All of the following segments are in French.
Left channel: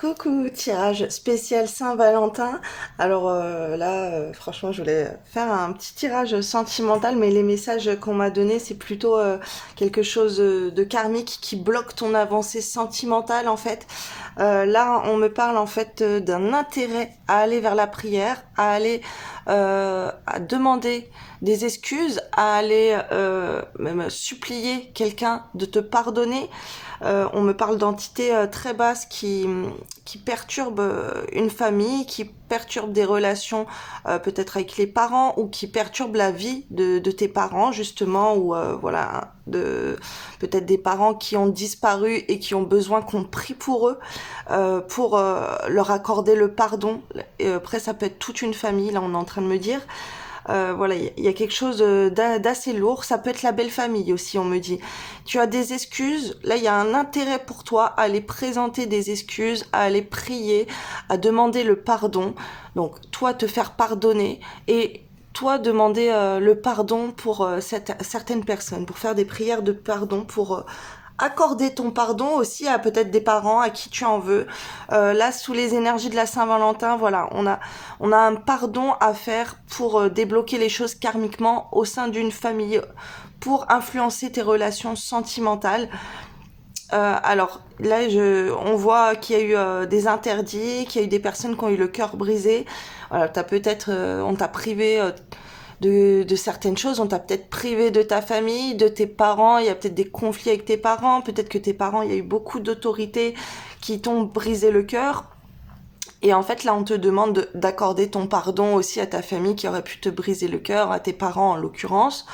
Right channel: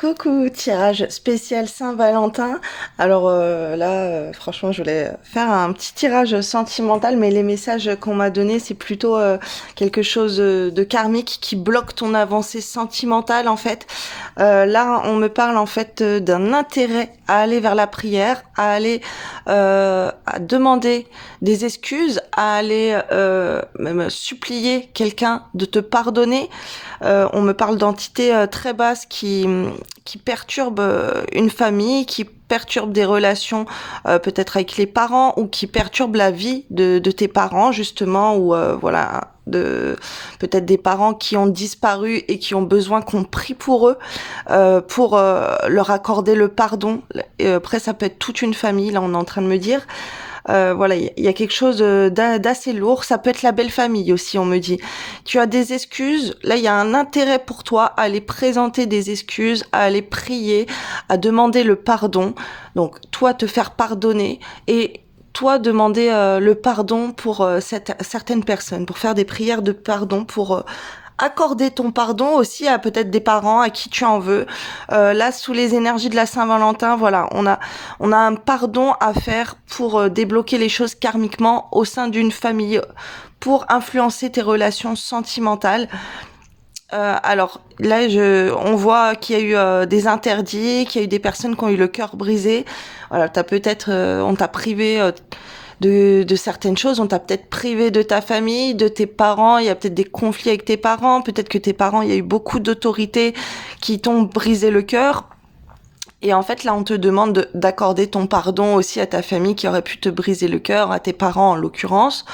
Coucou, tirage spécial Saint-Valentin. Alors là, franchement, je voulais faire un petit tirage sentimental, mais les messages qu'on m'a donnés, c'est plutôt quelque chose de karmique qui bloque ton avancée sentimentale en fait. Là, on me parle en fait d'un intérêt à aller vers la prière, à aller à demander des excuses, à aller même supplier quelqu'un de te pardonner. On me parle d'entités très basses qui perturbent une famille, qui perturbent des relations peut-être avec les parents ou qui perturbent la vie de tes parents justement ou voilà de peut-être des parents qui ont disparu et qui ont besoin qu'on prie pour eux pour leur accorder le pardon. Et après ça peut être toute une famille, là on est en train de me dire. Voilà, il y a quelque chose d'assez lourd. Ça peut être la belle famille aussi, on me dit. Tu as des excuses. Là, il y a un intérêt pour toi à aller présenter des excuses, à aller prier, à demander le pardon. Donc, toi, te faire pardonner et toi, demander le pardon pour certaines personnes, pour faire des prières de pardon, pour accorder ton pardon aussi à peut-être des parents à qui tu en veux. Là, sous les énergies de la Saint-Valentin, voilà, on a un pardon à faire pour débloquer les choses karmiquement au sein d'une famille, pour influencer tes relations sentimentales. Alors là, on voit qu'il y a eu des interdits, qu'il y a eu des personnes qui ont eu le cœur brisé. Voilà, t'as peut-être, on t'a privé de certaines choses. On t'a peut-être privé de ta famille, de tes parents. Il y a peut-être des conflits avec tes parents. Peut-être que tes parents, il y a eu beaucoup d'autorités qui t'ont brisé le cœur. Et en fait, là, on te demande d'accorder ton pardon aussi à ta famille qui aurait pu te briser le cœur, à tes parents en l'occurrence.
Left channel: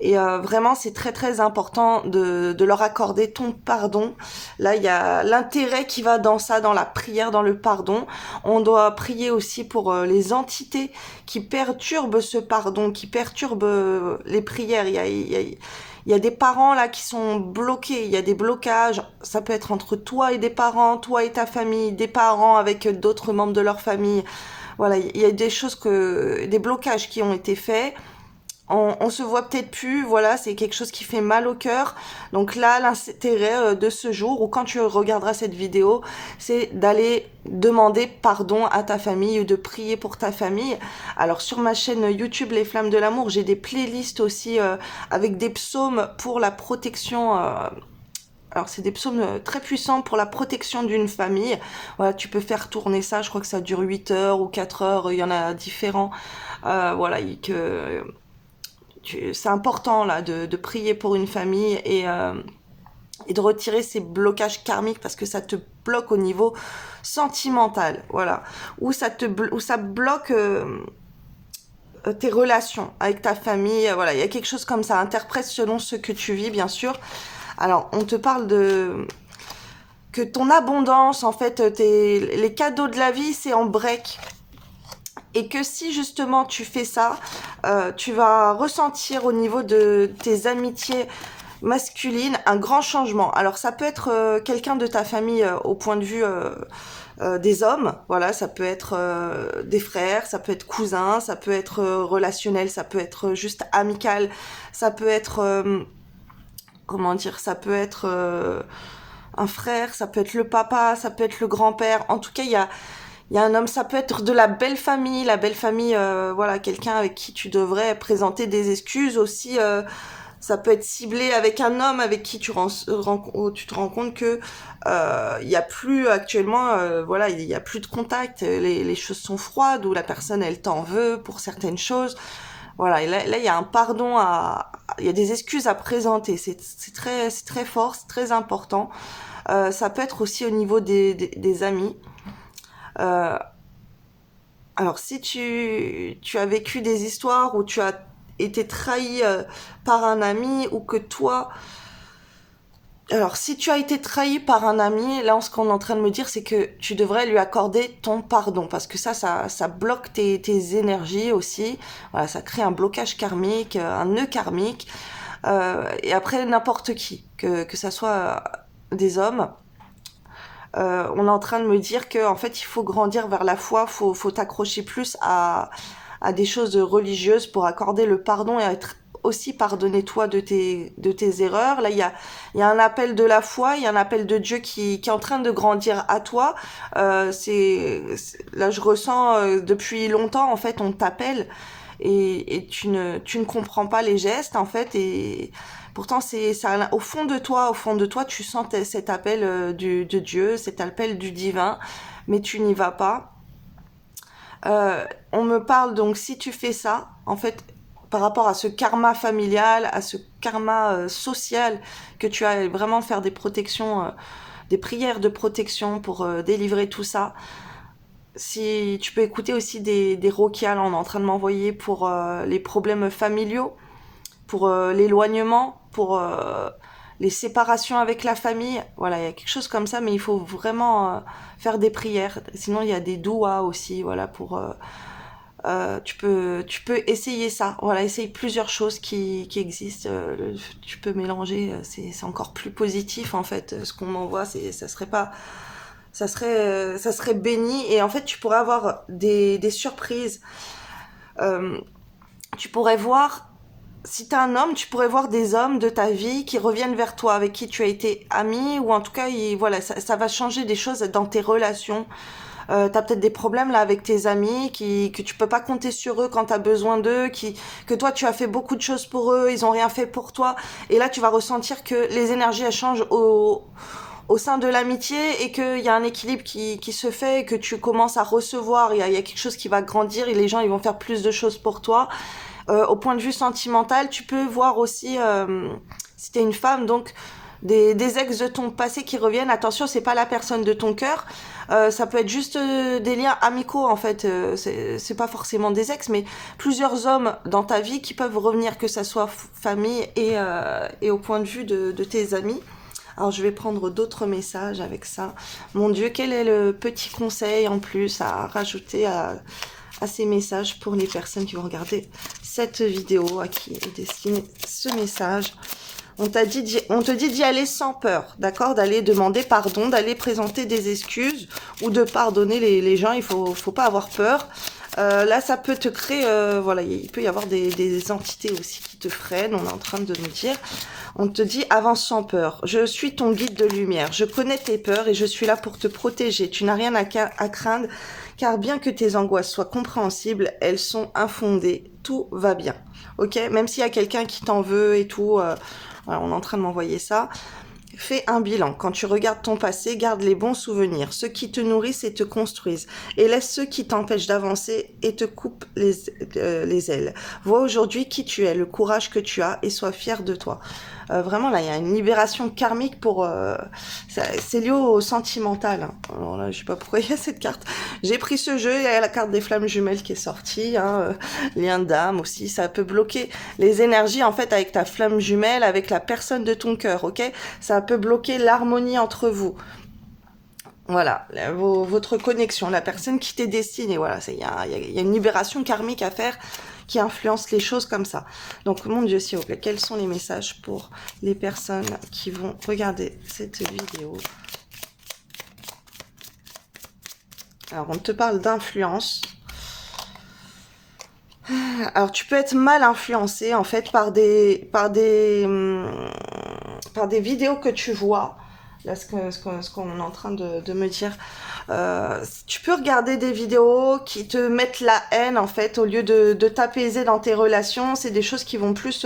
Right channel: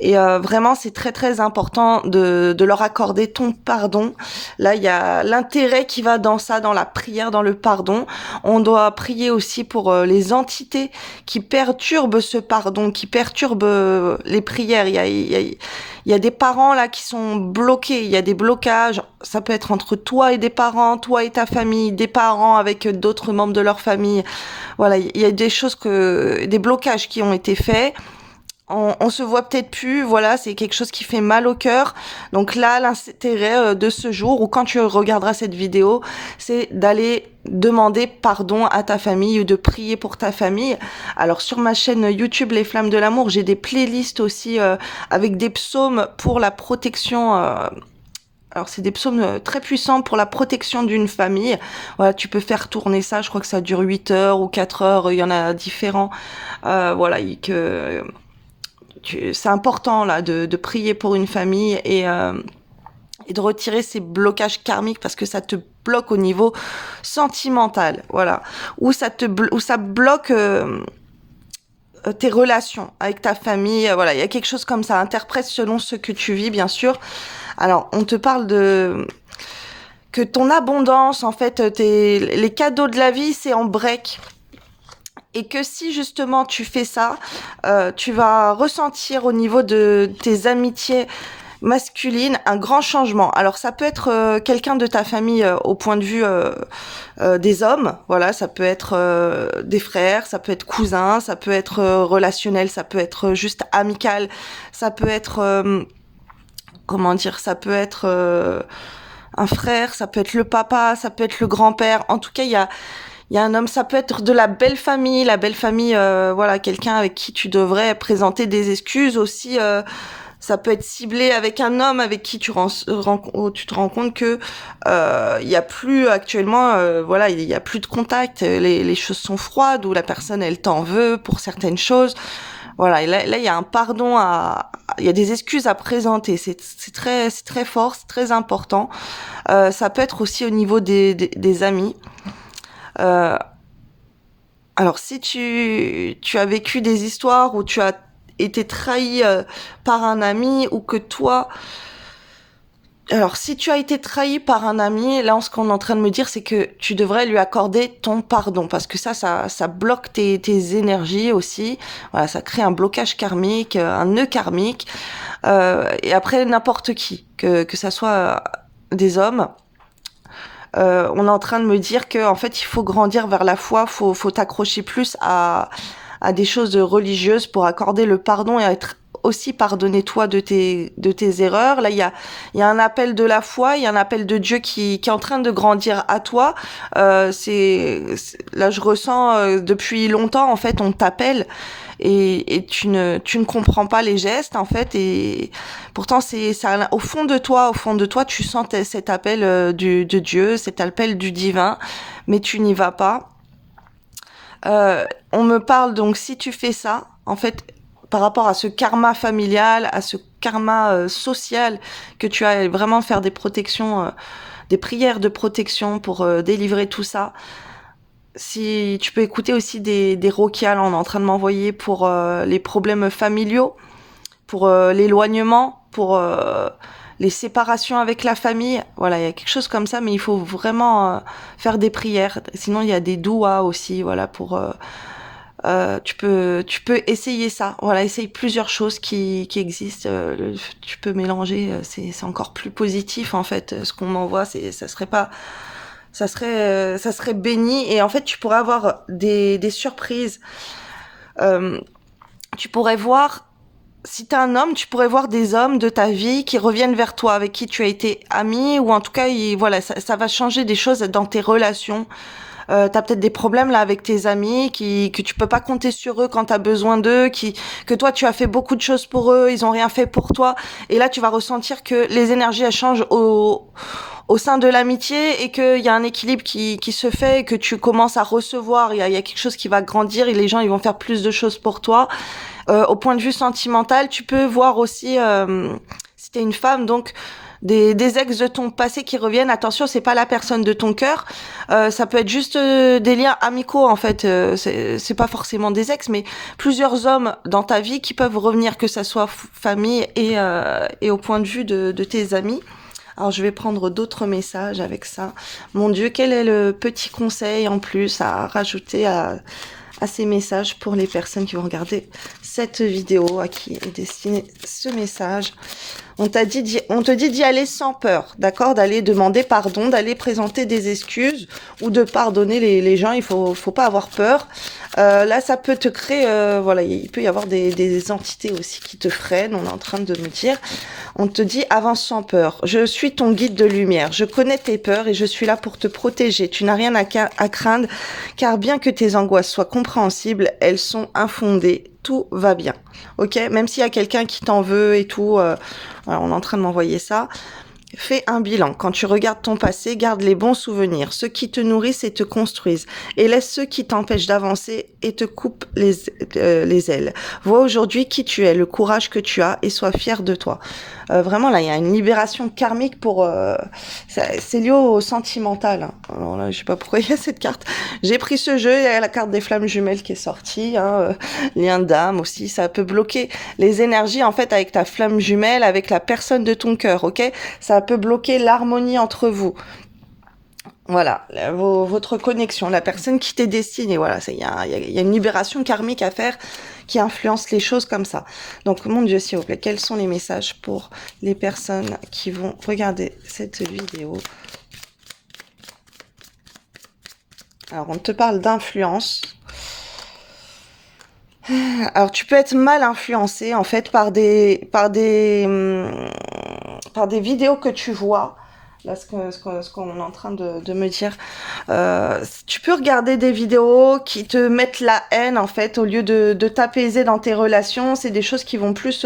Et vraiment, c'est très très important de leur accorder ton pardon. Là, il y a l'intérêt qui va dans ça, dans la prière, dans le pardon. On doit prier aussi pour les entités qui perturbent ce pardon, qui perturbent les prières. Il y a des parents là qui sont bloqués, il y a des blocages. Ça peut être entre toi et des parents, toi et ta famille, des parents avec d'autres membres de leur famille. Voilà, il y a des choses des blocages qui ont été faits. On se voit peut-être plus, voilà, c'est quelque chose qui fait mal au cœur. Donc là, l'intérêt de ce jour, ou quand tu regarderas cette vidéo, c'est d'aller demander pardon à ta famille ou de prier pour ta famille. Alors sur ma chaîne YouTube Les Flammes de l'amour, j'ai des playlists aussi avec des psaumes pour la protection. Alors c'est des psaumes très puissants pour la protection d'une famille. Voilà, tu peux faire tourner ça, je crois que ça dure 8 heures ou 4 heures, il y en a différents. Voilà, c'est important là de prier pour une famille et de retirer ces blocages karmiques parce que ça te bloque au niveau sentimental, voilà, ou ça bloque tes relations avec ta famille, voilà, il y a quelque chose comme ça. Interprète selon ce que tu vis, bien sûr. Alors, on te parle de que ton abondance, en fait, les cadeaux de la vie, c'est en break. Et que si justement tu fais ça, tu vas ressentir au niveau de tes amitiés masculines un grand changement. Alors ça peut être quelqu'un de ta famille au point de vue des hommes, voilà, ça peut être des frères, ça peut être cousins, ça peut être relationnel, ça peut être juste amical, ça peut être comment dire, ça peut être un frère, ça peut être le papa, ça peut être le grand-père. En tout cas, il y a un homme, ça peut être de la belle famille, voilà, quelqu'un avec qui tu devrais présenter des excuses aussi. Ça peut être ciblé avec un homme avec qui tu te rends compte que il y a plus actuellement, voilà, il y a plus de contact, les choses sont froides ou la personne elle t'en veut pour certaines choses. Voilà, et là il y a un pardon il y a des excuses à présenter. C'est très fort, c'est très important. Ça peut être aussi au niveau des amis. Euh, alors, si tu as vécu des histoires où tu as été trahi par un ami ou que toi... Alors, si tu as été trahi par un ami, là, ce qu'on est en train de me dire, c'est que tu devrais lui accorder ton pardon parce que ça bloque tes énergies aussi. Voilà, ça crée un blocage karmique, un nœud karmique. Et après, n'importe qui, que ça soit des hommes, on est en train de me dire que en fait il faut grandir vers la foi, faut t'accrocher plus à des choses religieuses pour accorder le pardon et être aussi pardonner toi de tes erreurs. Là, il y a un appel de la foi, il y a un appel de Dieu qui est en train de grandir à toi. Là, je ressens depuis longtemps, en fait, on t'appelle et tu ne comprends pas les gestes, en fait, et pourtant, c'est ça, au fond de toi, tu sens cet appel de Dieu, cet appel du divin, mais tu n'y vas pas. On me parle donc si tu fais ça, en fait, par rapport à ce karma familial, à ce karma social, que tu as vraiment faire des protections, des prières de protection pour délivrer tout ça. Si tu peux écouter aussi des rokials, on est en train de m'envoyer pour les problèmes familiaux, pour l'éloignement, pour les séparations avec la famille. Voilà, il y a quelque chose comme ça, mais il faut vraiment faire des prières. Sinon, il y a des douas aussi, voilà, pour tu peux essayer ça. Voilà, essaye plusieurs choses qui existent. Tu peux mélanger. C'est encore plus positif en fait. Ce qu'on m'envoie, ça serait pas, ça serait béni. Et en fait, tu pourrais avoir des surprises. Euh, Tu pourrais voir, si t'es un homme, tu pourrais voir des hommes de ta vie qui reviennent vers toi, avec qui tu as été ami, ou en tout cas, voilà, ça va changer des choses dans tes relations. T'as peut-être des problèmes là avec tes amis que tu peux pas compter sur eux quand t'as besoin d'eux, que toi tu as fait beaucoup de choses pour eux, ils ont rien fait pour toi, et là tu vas ressentir que les énergies elles changent au sein de l'amitié et qu'il y a un équilibre qui se fait et que tu commences à recevoir, il y a quelque chose qui va grandir et les gens ils vont faire plus de choses pour toi. Au point de vue sentimental, tu peux voir aussi, si t'es une femme, donc des ex de ton passé qui reviennent. Attention, c'est pas la personne de ton cœur. Ça peut être juste des liens amicaux en fait. C'est pas forcément des ex, mais plusieurs hommes dans ta vie qui peuvent revenir, que ça soit famille et au point de vue de tes amis. Alors je vais prendre d'autres messages avec ça. Mon Dieu, quel est le petit conseil en plus à rajouter à ces messages pour les personnes qui vont regarder cette vidéo, à qui est destiné ce message? On te dit d'y aller sans peur, d'accord? D'aller demander pardon, d'aller présenter des excuses ou de pardonner les gens. Il faut pas avoir peur. Là, ça peut te créer, voilà, il peut y avoir des entités aussi qui te freinent. On est en train de nous dire. On te dit avance sans peur. Je suis ton guide de lumière. Je connais tes peurs et je suis là pour te protéger. Tu n'as rien à craindre, car bien que tes angoisses soient compréhensibles, elles sont infondées. Tout va bien. Ok? Même s'il y a quelqu'un qui t'en veut et tout, voilà, on est en train de m'envoyer ça. Fais un bilan. Quand tu regardes ton passé, garde les bons souvenirs, ceux qui te nourrissent et te construisent, et laisse ceux qui t'empêchent d'avancer et te coupent les ailes. Vois aujourd'hui qui tu es, le courage que tu as, et sois fier de toi. Vraiment, là, il y a une libération karmique pour... c'est lié au sentimental. Hein. Alors là, je sais pas pourquoi il y a cette carte. J'ai pris ce jeu, il y a la carte des flammes jumelles qui est sortie. Hein, lien d'âme aussi, ça peut bloquer les énergies, en fait, avec ta flamme jumelle, avec la personne de ton cœur, ok? Ça peut bloquer l'harmonie entre vous. Voilà, votre connexion, la personne qui t'est destinée, voilà, il y a une libération karmique à faire qui influence les choses comme ça. Donc, mon Dieu, s'il vous plaît, quels sont les messages pour les personnes qui vont regarder cette vidéo? Alors, on te parle d'influence. Alors, tu peux être mal influencé, en fait, par des vidéos que tu vois. Là, ce qu'on est en train de me dire. Tu peux regarder des vidéos qui te mettent la haine, en fait, au lieu de t'apaiser dans tes relations. C'est des choses qui vont plus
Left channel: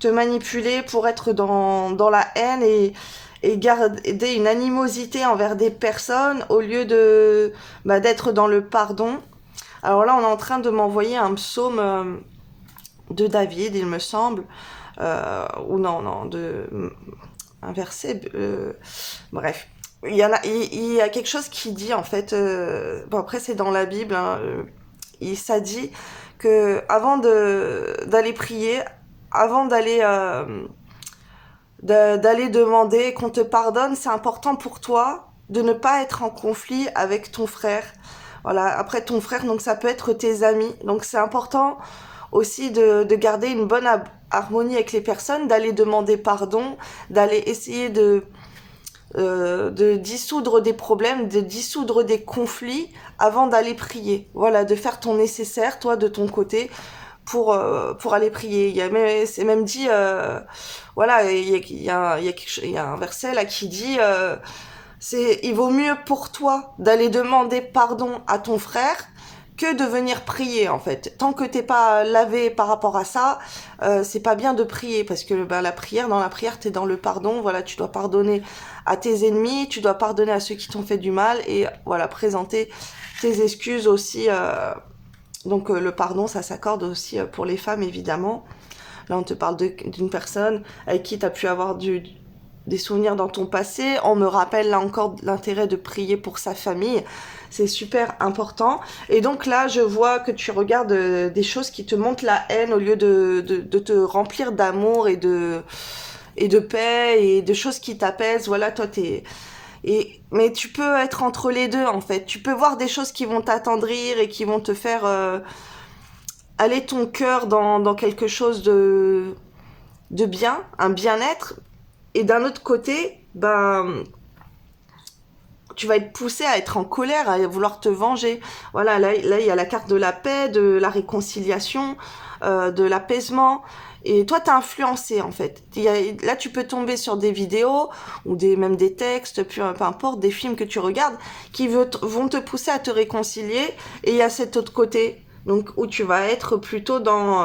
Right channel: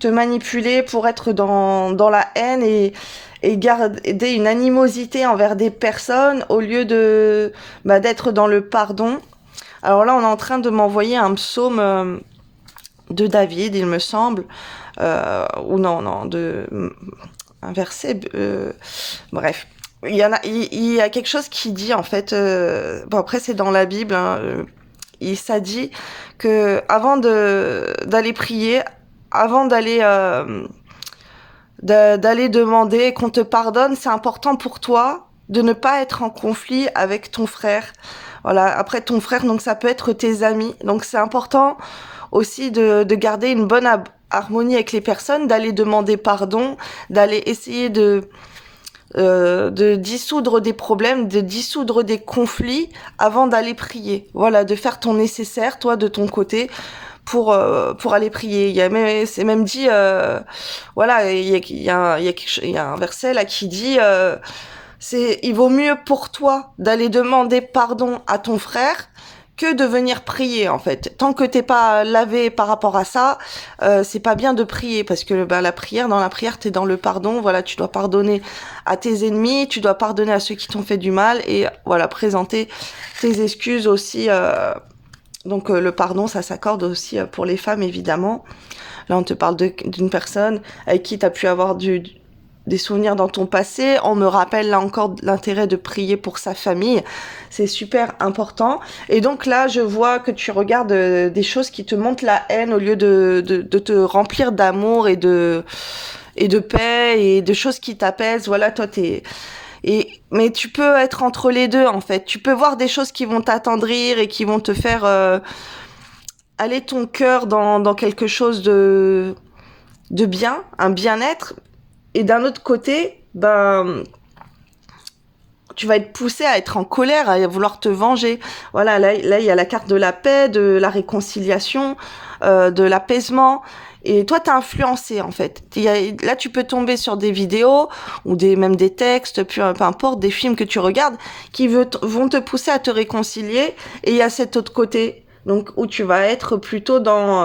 te manipuler pour être dans la haine et garder une animosité envers des personnes au lieu d'être dans le pardon. Alors là, on est en train de m'envoyer un psaume de David, il me semble. Ou non, un verset, bref, il y a quelque chose qui dit en fait, bon après c'est dans la Bible, hein, ça dit que avant d'aller prier, avant d'aller demander qu'on te pardonne, c'est important pour toi de ne pas être en conflit avec ton frère. Voilà, après ton frère, donc ça peut être tes amis, donc c'est important aussi de garder une bonne harmonie avec les personnes, d'aller demander pardon, d'aller essayer de dissoudre des problèmes, de dissoudre des conflits avant d'aller prier. Voilà, de faire ton nécessaire, toi, de ton côté, pour aller prier. C'est même dit, voilà, il y a un verset là qui dit, il vaut mieux pour toi d'aller demander pardon à ton frère que de venir prier en fait. Tant que t'es pas lavé par rapport à ça, c'est pas bien de prier parce que bah, dans la prière, t'es dans le pardon. Voilà, tu dois pardonner à tes ennemis, tu dois pardonner à ceux qui t'ont fait du mal et voilà, présenter tes excuses aussi. Donc le pardon, ça s'accorde aussi pour les femmes évidemment. Là, on te parle d'une personne avec qui tu as pu avoir des souvenirs dans ton passé. On me rappelle là encore l'intérêt de prier pour sa famille. C'est super important. Et donc là, je vois que tu regardes des choses qui te montrent la haine au lieu de te remplir d'amour et de paix et de choses qui t'apaisent. Voilà, toi, mais tu peux être entre les deux, en fait. Tu peux voir des choses qui vont t'attendrir et qui vont te faire aller ton cœur dans quelque chose de bien, un bien-être. Et d'un autre côté, ben, tu vas être poussé à être en colère, à vouloir te venger. Voilà, là, il y a la carte de la paix, de la réconciliation, de l'apaisement. Et toi, t'es influencé, en fait. Là, tu peux tomber sur des vidéos ou même des textes, peu importe, des films que tu regardes qui vont te pousser à te réconcilier. Et il y a cet autre côté, donc, où tu vas être plutôt dans...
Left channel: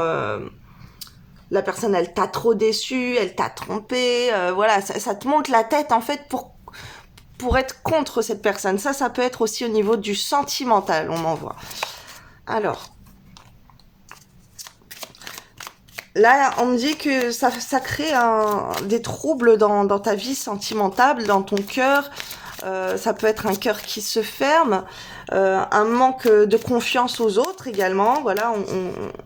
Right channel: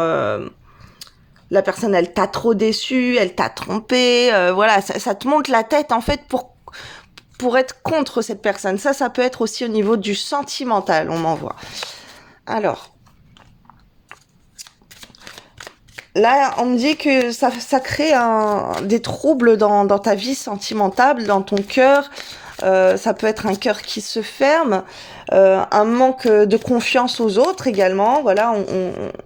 la personne, elle t'a trop déçu, elle t'a trompé, voilà, ça te monte la tête, en fait, pour être contre cette personne. Ça peut être aussi au niveau du sentimental, on m'envoie. Alors, là, on me dit que ça crée des troubles dans ta vie sentimentale, dans ton cœur. Ça peut être un cœur qui se ferme, un manque de confiance aux autres également. Voilà,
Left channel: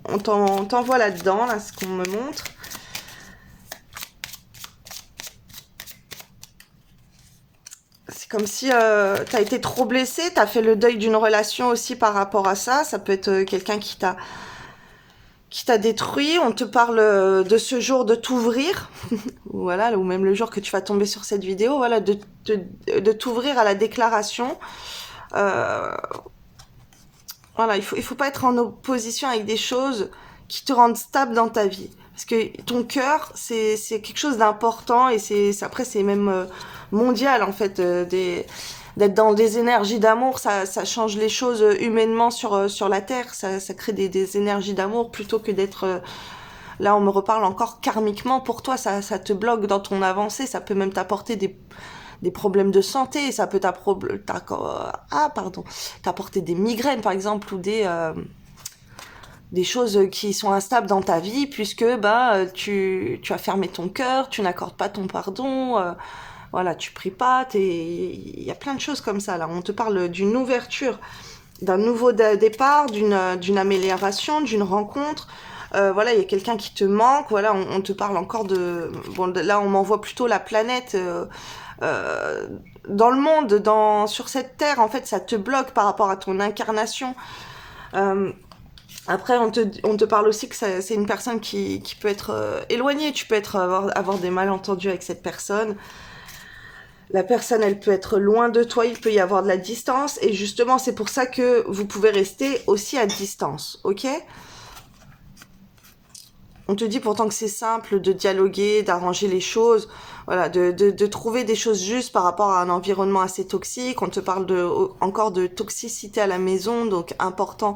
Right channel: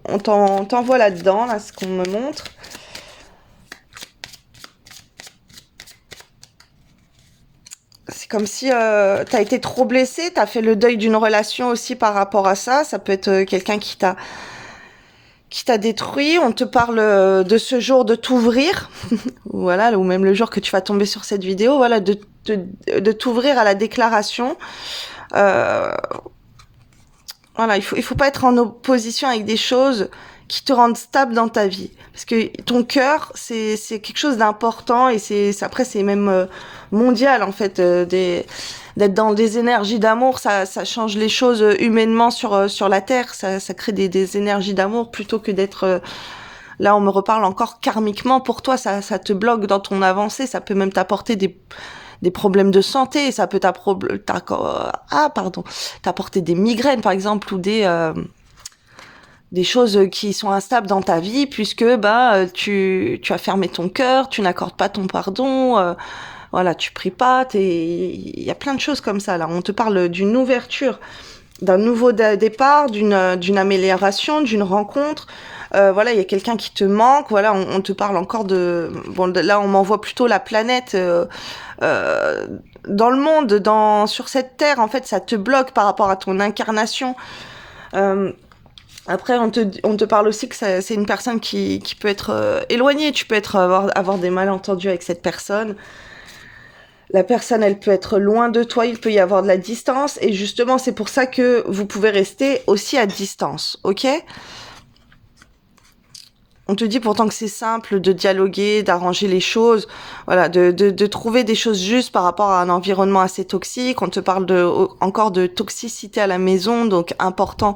on t'envoie là-dedans, là, ce qu'on me montre. C'est comme si t'as été trop blessé, t'as fait le deuil d'une relation aussi par rapport à ça. Ça peut être quelqu'un qui t'a détruit. On te parle de ce jour de t'ouvrir, voilà, ou même le jour que tu vas tomber sur cette vidéo, voilà, de t'ouvrir à la déclaration. Voilà, il faut pas être en opposition avec des choses qui te rendent stable dans ta vie. Parce que ton cœur, c'est quelque chose d'important et après, c'est même mondial, en fait, d'être dans des énergies d'amour. Ça change les choses humainement sur la Terre. Ça crée des énergies d'amour plutôt que d'être... là, on me reparle encore karmiquement. Pour toi, ça te bloque dans ton avancée. Ça peut même t'apporter des problèmes de santé. Ça peut t'apporter des migraines, par exemple, ou des choses qui sont instables dans ta vie, puisque bah tu as fermé ton cœur, tu n'accordes pas ton pardon, voilà, tu pries pas, il y a plein de choses comme ça là. On te parle d'une ouverture, d'un nouveau départ, d'une amélioration, d'une rencontre. Voilà, il y a quelqu'un qui te manque. Voilà, on te parle encore là, on m'envoie plutôt la planète. Dans le monde, sur cette terre, en fait, ça te bloque par rapport à ton incarnation. Après, on te parle aussi que c'est une personne qui peut être éloignée. Tu peux avoir des malentendus avec cette personne. La personne, elle peut être loin de toi, il peut y avoir de la distance. Et justement, c'est pour ça que vous pouvez rester aussi à distance, ok ? On te dit pourtant que c'est simple de dialoguer, d'arranger les choses, voilà, de trouver des choses justes par rapport à un environnement assez toxique. On te parle encore de toxicité à la maison, donc important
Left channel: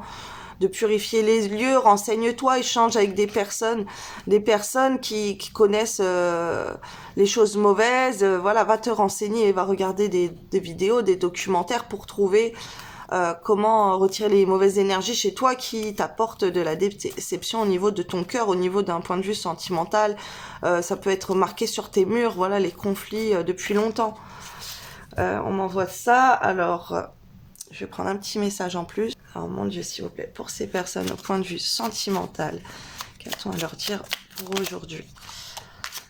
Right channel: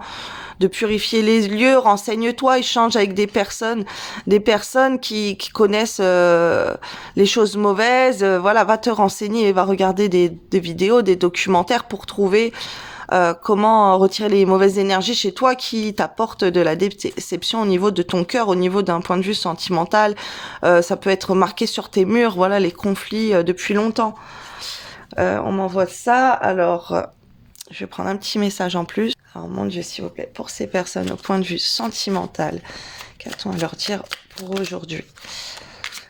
de purifier les lieux. Renseigne-toi, échange avec des personnes qui connaissent les choses mauvaises. Voilà, va te renseigner et va regarder des vidéos, des documentaires pour trouver comment retirer les mauvaises énergies chez toi qui t'apportent de la déception au niveau de ton cœur, au niveau d'un point de vue sentimental. Ça peut être marqué sur tes murs, voilà, les conflits depuis longtemps. On m'envoie ça, alors je vais prendre un petit message en plus. Alors mon Dieu, s'il vous plaît, pour ces personnes au point de vue sentimental, qu'a-t-on à leur dire pour aujourd'hui ?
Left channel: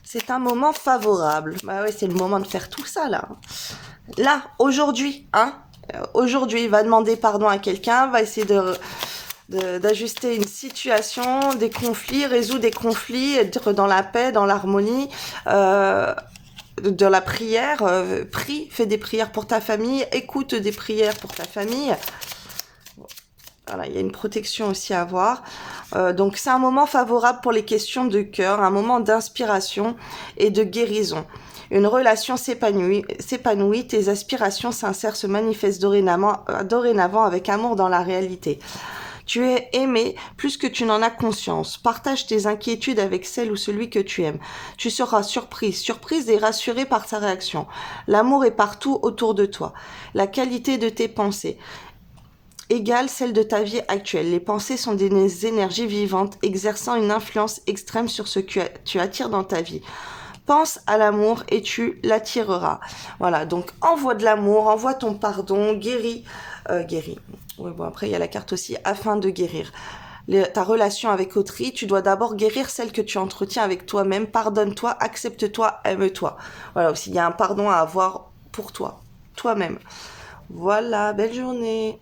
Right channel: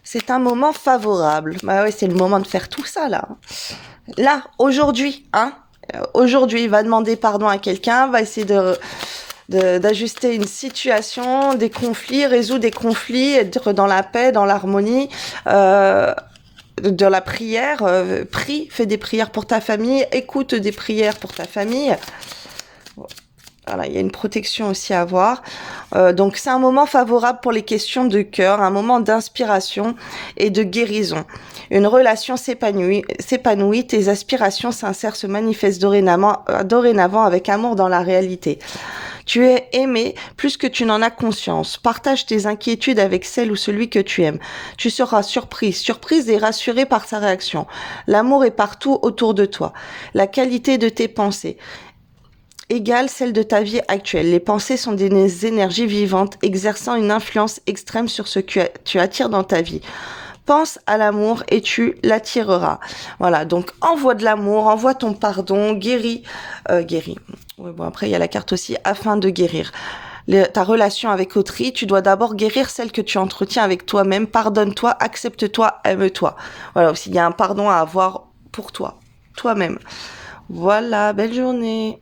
C'est un moment favorable. Bah ouais, c'est le moment de faire tout ça là. Là, aujourd'hui, hein ? Aujourd'hui, il va demander pardon à quelqu'un, va essayer d'ajuster une situation, des conflits, résoudre des conflits, être dans la paix, dans l'harmonie, de la prière, prie, fais des prières pour ta famille, écoute des prières pour ta famille. Voilà, il y a une protection aussi à avoir. Donc c'est un moment favorable pour les questions de cœur, un moment d'inspiration et de guérison. Une relation s'épanouit, tes aspirations sincères se manifestent dorénavant avec amour dans la réalité. Tu es aimé plus que tu n'en as conscience. Partage tes inquiétudes avec celle ou celui que tu aimes. Tu seras surprise et rassurée par sa réaction. L'amour est partout autour de toi. La qualité de tes pensées égale celle de ta vie actuelle. Les pensées sont des énergies vivantes exerçant une influence extrême sur ce que tu attires dans ta vie. Pense à l'amour et tu l'attireras. Voilà, donc envoie de l'amour, envoie ton pardon, guéris. Oui, bon, après, il y a la carte aussi, afin de guérir. Ta relation avec autrui, tu dois d'abord guérir celle que tu entretiens avec toi-même. Pardonne-toi, accepte-toi, aime-toi. Voilà, aussi, il y a un pardon à avoir pour toi, toi-même. Voilà, belle journée.